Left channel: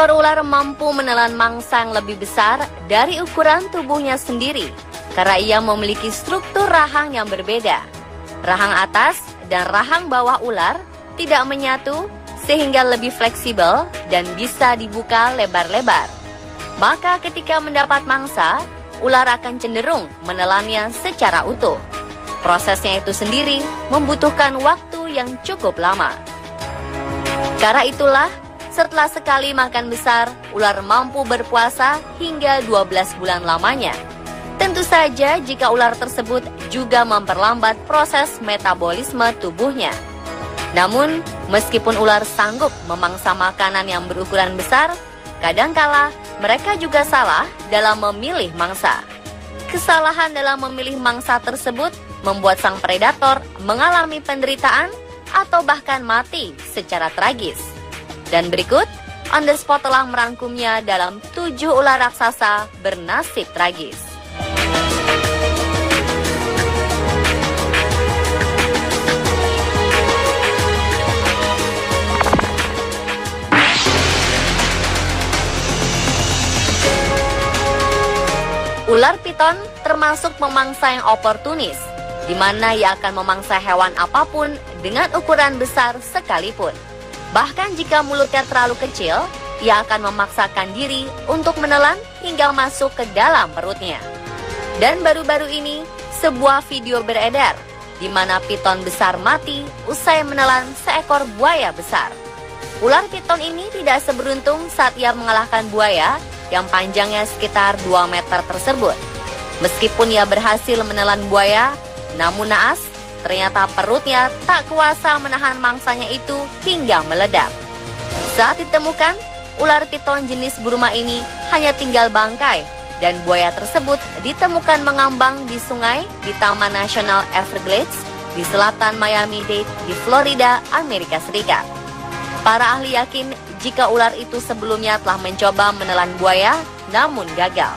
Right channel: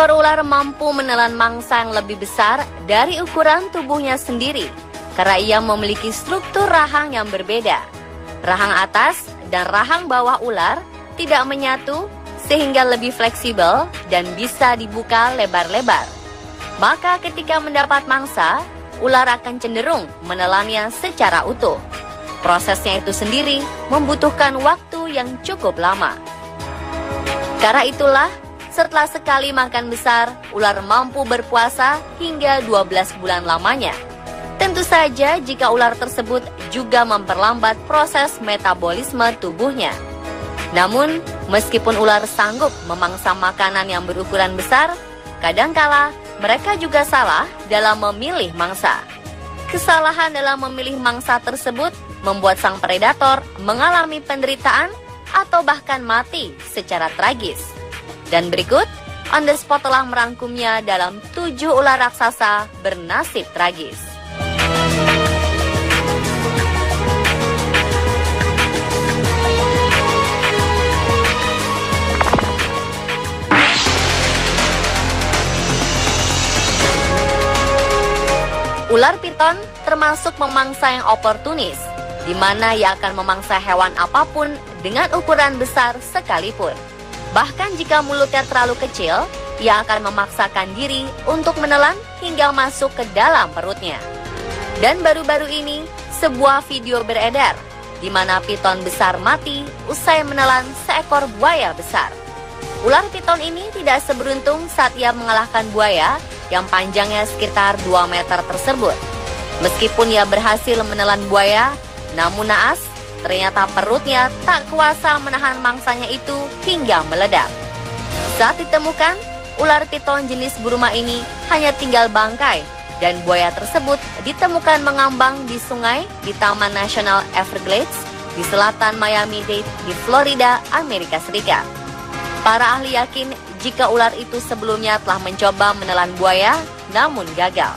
Seekor ular mampu menelan mangsa yang lebih besar dari ukuran tubuhnya sendiri karena ia memiliki struktur rahang yang berbeda. Rahang atas dan rahang bawah ular tidak menyatu sehingga lebih fleksibel dan bisa dibuka lebar-lebar. Maka ketika mendapat mangsa, ular akan cenderung menelannya secara utuh. Prosesnya itu sendiri membutuhkan waktu yang cukup lama. Karena itulah, setelah sekali makan besar, ular mampu berpuasa hingga 12 bulan lamanya. Tentu saja jika ular tersebut juga memperlambat proses metabolisme tubuhnya. Namun, meskipun ular sanggup memangsa makanan yang berukuran besar, kadangkala mereka juga salah dalam memilih mangsa. Kesalahan dalam memilih mangsa tersebut membuat sang predator mengalami penderitaan atau bahkan mati secara tragis. Dan berikut, On The Spot telah merangkumnya dalam 7 ular raksasa bernasib tragis. Ular piton termasuk memangsa yang oportunis, di mana ia akan memangsa hewan apapun dengan ukuran besar sekalipun. Bahkan jika mulutnya terlalu kecil, ia akan memaksakan diri untuk menelan hingga masuk ke dalam perutnya. Dan baru-baru ini, sebuah video beredar, di mana piton besar mati usai menelan seekor buaya besar. Ular piton ini tidak seberuntung saat ia mengalahkan buaya yang panjangnya sekitar 2 meter tersebut. Meskipun ia berhasil menelan buaya, namun naas, ternyata perutnya tak kuasa menahan mangsanya itu hingga meledak. Saat ditemukan, ular piton jenis Burma ini hanya tinggal bangkai dan buaya tersebut ditemukan mengambang di sungai di Taman Nasional Everglades di selatan Miami-Dade di Florida, Amerika Serikat. Para ahli yakin jika ular itu sebelumnya telah mencoba menelan buaya, namun gagal.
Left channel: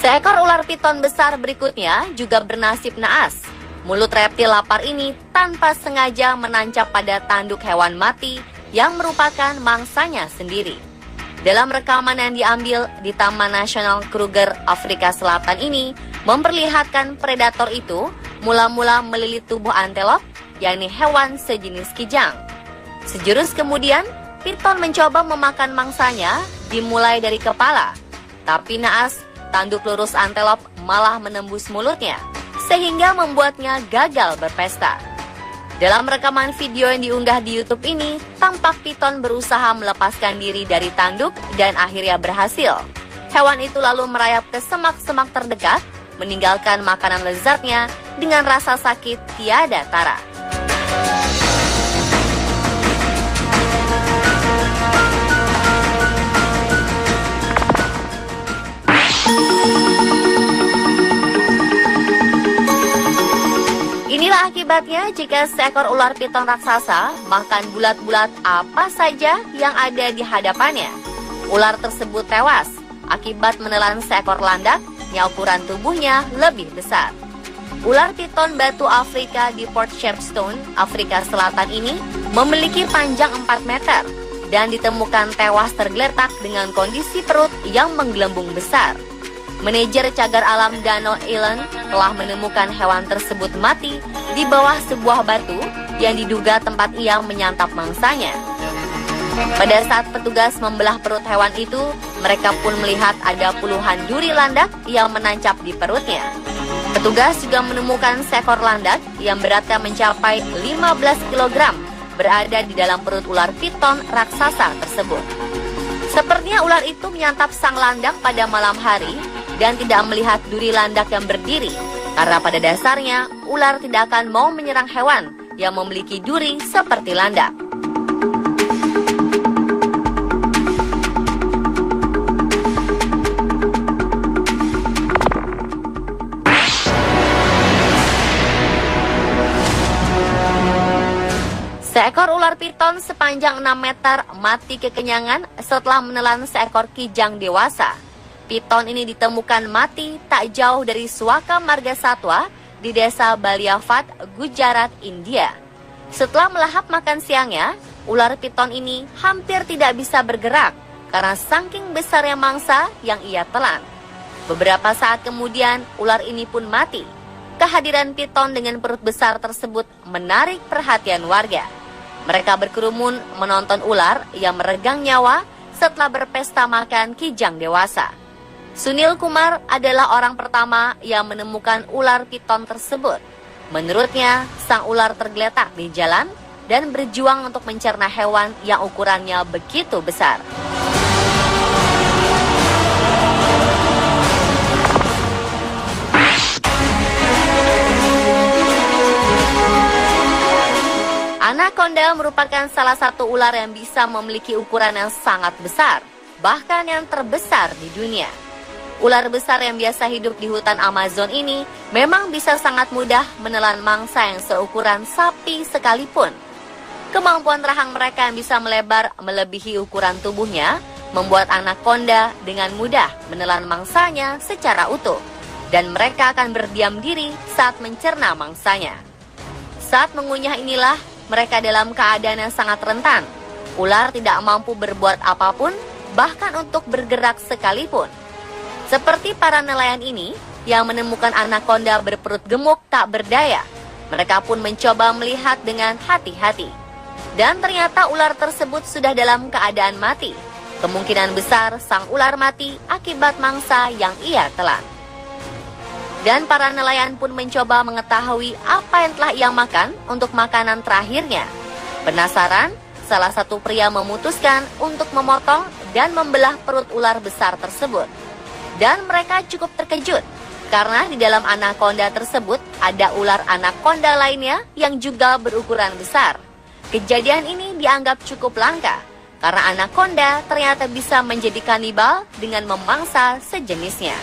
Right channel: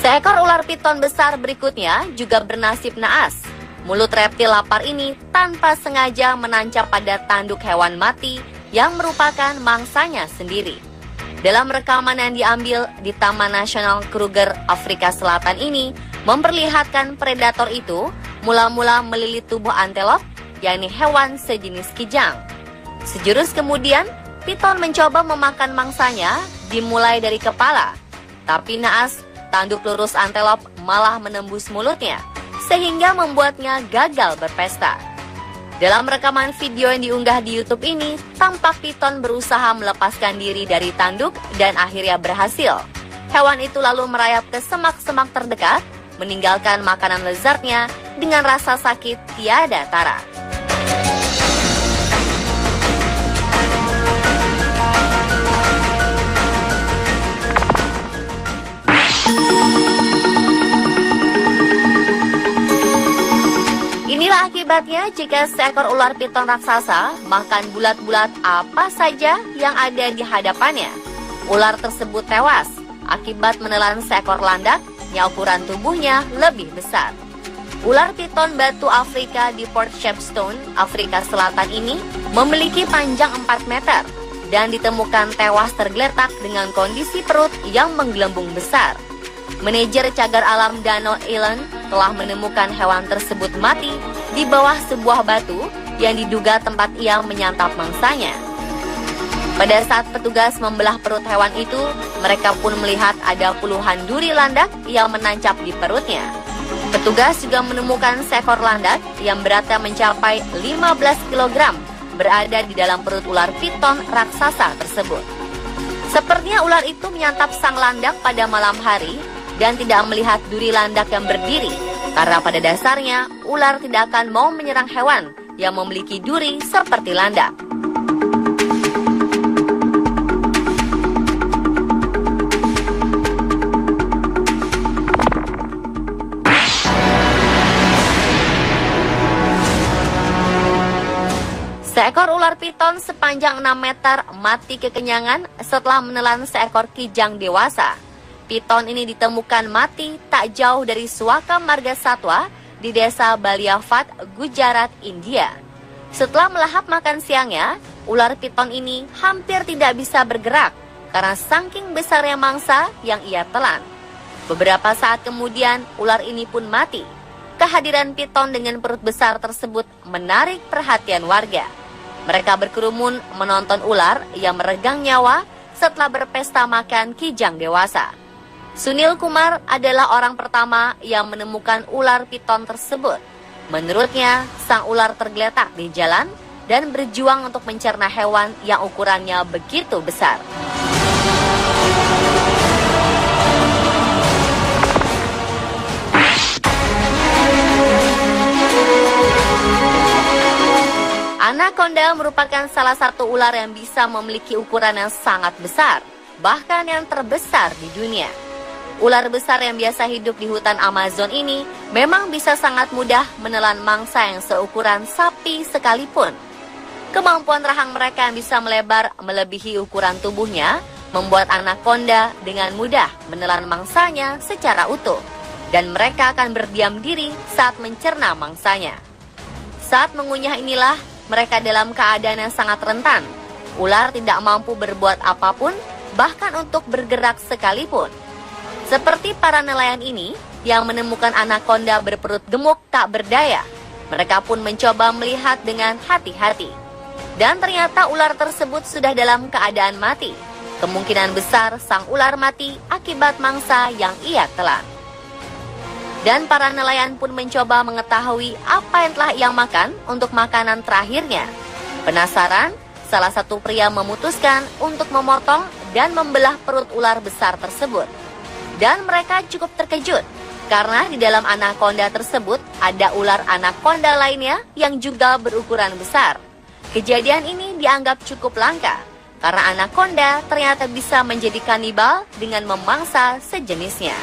Seekor ular piton besar berikutnya juga bernasib naas. Mulut reptil lapar ini tanpa sengaja menancap pada tanduk hewan mati yang merupakan mangsanya sendiri. Dalam rekaman yang diambil di Taman Nasional Kruger, Afrika Selatan ini, memperlihatkan predator itu mula-mula melilit tubuh antelop, yakni hewan sejenis kijang. Sejurus kemudian, piton mencoba memakan mangsanya dimulai dari kepala. Tapi naas, tanduk lurus antelop malah menembus mulutnya, sehingga membuatnya gagal berpesta. Dalam rekaman video yang diunggah di YouTube ini, tampak piton berusaha melepaskan diri dari tanduk dan akhirnya berhasil. Hewan itu lalu merayap ke semak-semak terdekat, meninggalkan makanan lezatnya dengan rasa sakit tiada tara. Inilah akibatnya jika seekor ular piton raksasa makan bulat-bulat apa saja yang ada di hadapannya. Ular tersebut tewas akibat menelan seekor landak yang ukuran tubuhnya lebih besar. Ular piton batu Afrika di Port Shepstone, Afrika Selatan ini memiliki panjang 4 meter dan ditemukan tewas tergeletak dengan kondisi perut yang menggelembung besar. Manajer cagar alam Gano Allen telah menemukan hewan tersebut mati di bawah sebuah batu yang diduga tempat ia menyantap mangsanya. Pada saat petugas membelah perut hewan itu, mereka pun melihat ada puluhan duri landak yang menancap di perutnya. Petugas juga menemukan seekor landak yang beratnya mencapai 15 kg berada di dalam perut ular piton raksasa tersebut. Sepertinya ular itu menyantap sang landak pada malam hari dan tidak melihat duri landak yang berdiri, karena pada dasarnya ular tidak akan mau menyerang hewan yang memiliki duri seperti landak. Seekor ular piton sepanjang 6 meter mati kekenyangan setelah menelan seekor kijang dewasa. Piton ini ditemukan mati tak jauh dari Suaka Marga Satwa di desa Baliafat, Gujarat, India. Setelah melahap makan siangnya, ular piton ini hampir tidak bisa bergerak karena saking besarnya mangsa yang ia telan. Beberapa saat kemudian, ular ini pun mati. Kehadiran piton dengan perut besar tersebut menarik perhatian warga. Mereka berkerumun menonton ular yang meregang nyawa setelah berpesta makan kijang dewasa. Sunil Kumar adalah orang pertama yang menemukan ular piton tersebut. Menurutnya, sang ular tergeletak di jalan dan berjuang untuk mencerna hewan yang ukurannya begitu besar. Anaconda merupakan salah satu ular yang bisa memiliki ukuran yang sangat besar, bahkan yang terbesar di dunia. Ular besar yang biasa hidup di hutan Amazon ini memang bisa sangat mudah menelan mangsa yang seukuran sapi sekalipun. Kemampuan rahang mereka yang bisa melebar melebihi ukuran tubuhnya membuat anaconda dengan mudah menelan mangsanya secara utuh, dan mereka akan berdiam diri saat mencerna mangsanya. Saat mengunyah inilah mereka dalam keadaan yang sangat rentan. Ular tidak mampu berbuat apapun, bahkan untuk bergerak sekalipun. Seperti para nelayan ini yang menemukan anaconda berperut gemuk tak berdaya, mereka pun mencoba melihat dengan hati-hati. Dan ternyata ular tersebut sudah dalam keadaan mati. Kemungkinan besar sang ular mati akibat mangsa yang ia telan. Dan para nelayan pun mencoba mengetahui apa yang telah ia makan untuk makanan terakhirnya. Penasaran, salah satu pria memutuskan untuk memotong dan membelah perut ular besar tersebut. Dan mereka cukup terkejut, karena di dalam anaconda tersebut ada ular anaconda lainnya yang juga berukuran besar. Kejadian ini dianggap cukup langka, karena anaconda ternyata bisa menjadi kanibal dengan memangsa sejenisnya.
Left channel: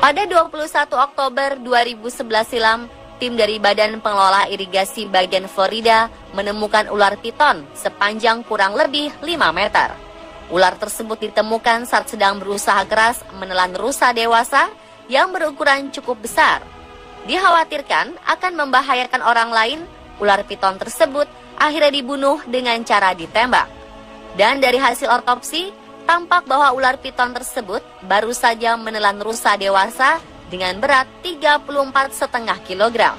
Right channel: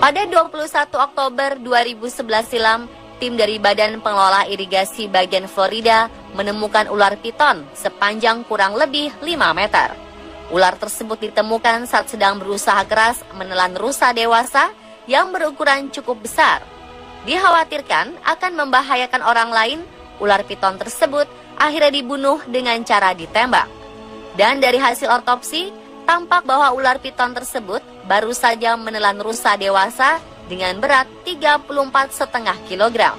Pada 21 Oktober 2011 silam, tim dari Badan Pengelola Irigasi bagian Florida menemukan ular piton sepanjang kurang lebih 5 meter. Ular tersebut ditemukan saat sedang berusaha keras menelan rusa dewasa yang berukuran cukup besar. Dikhawatirkan akan membahayakan orang lain, ular piton tersebut akhirnya dibunuh dengan cara ditembak. Dan dari hasil otopsi, tampak bahwa ular piton tersebut baru saja menelan rusa dewasa dengan berat 34,5 kg.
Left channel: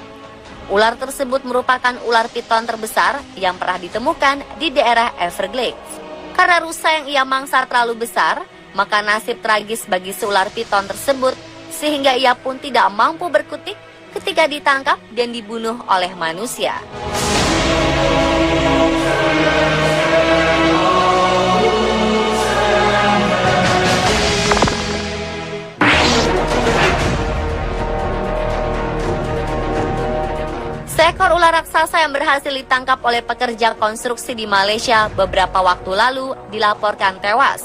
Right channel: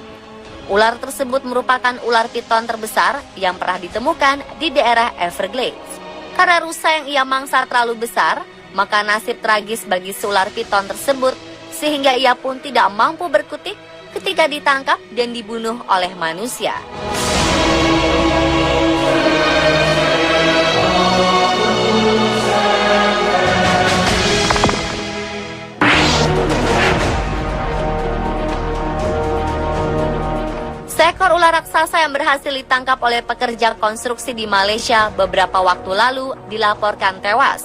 Ular tersebut merupakan ular piton terbesar yang pernah ditemukan di daerah Everglades. Karena rusa yang ia mangsa terlalu besar, maka nasib tragis bagi si ular piton tersebut sehingga ia pun tidak mampu berkutik ketika ditangkap dan dibunuh oleh manusia. Seekor ular raksasa yang berhasil ditangkap oleh pekerja konstruksi di Malaysia beberapa waktu lalu dilaporkan tewas.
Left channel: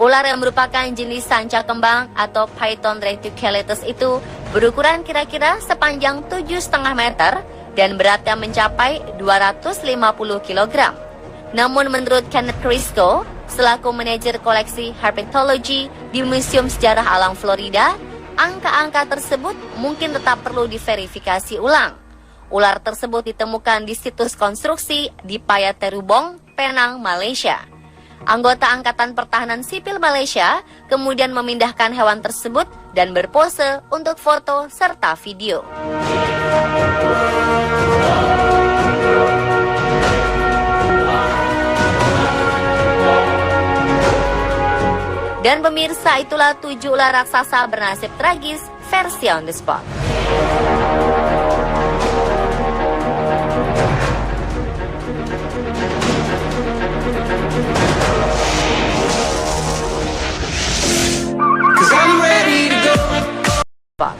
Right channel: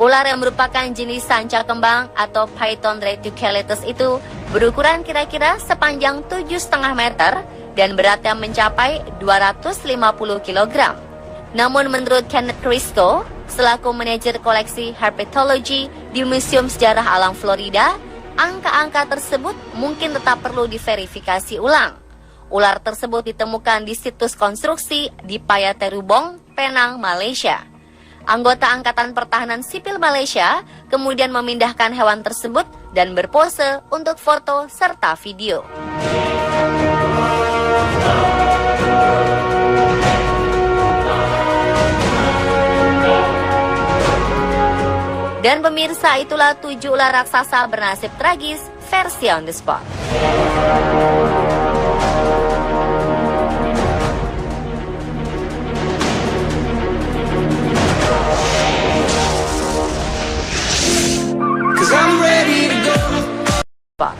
Ular yang merupakan jenis sanca kembang atau Python reticulatus itu berukuran kira-kira sepanjang 7,5 meter dan beratnya mencapai 250 kg. Namun menurut Kenneth Crisco, selaku manajer koleksi herpetologi di Museum Sejarah Alam Florida, angka-angka tersebut mungkin tetap perlu diverifikasi ulang. Ular tersebut ditemukan di situs konstruksi di Payaterubong, Penang, Malaysia. Anggota Angkatan Pertahanan Sipil Malaysia kemudian memindahkan hewan tersebut dan berpose untuk foto serta video. Dan pemirsa, itulah 7 ular raksasa bernasib tragis versi on the spot. Pak.